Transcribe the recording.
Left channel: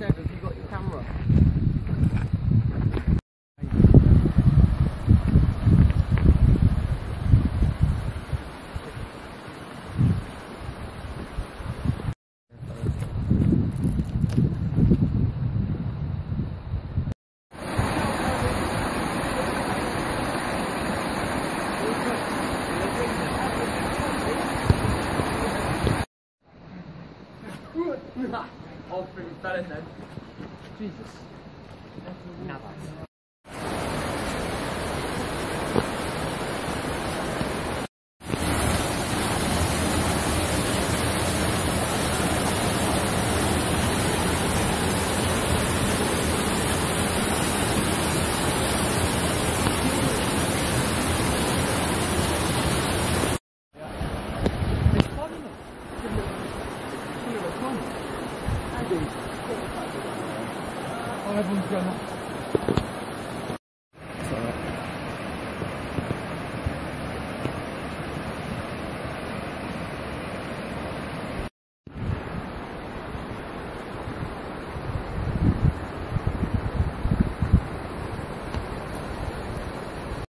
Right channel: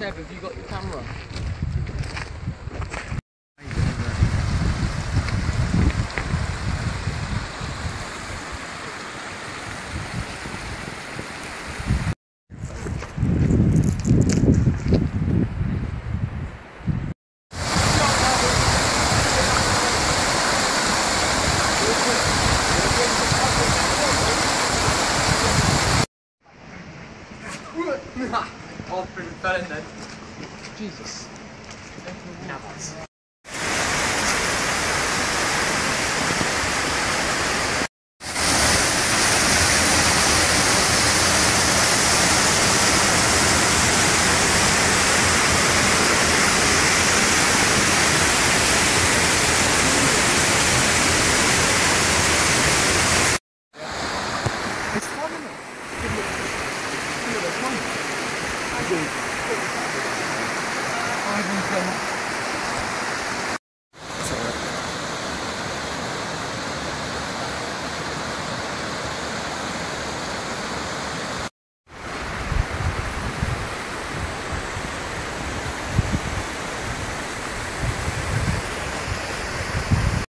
Seb, have you got your camera? Oh, fell in then. Jesus. Navas. It's fun, isn't it? Give it a fun. I do. I haven't done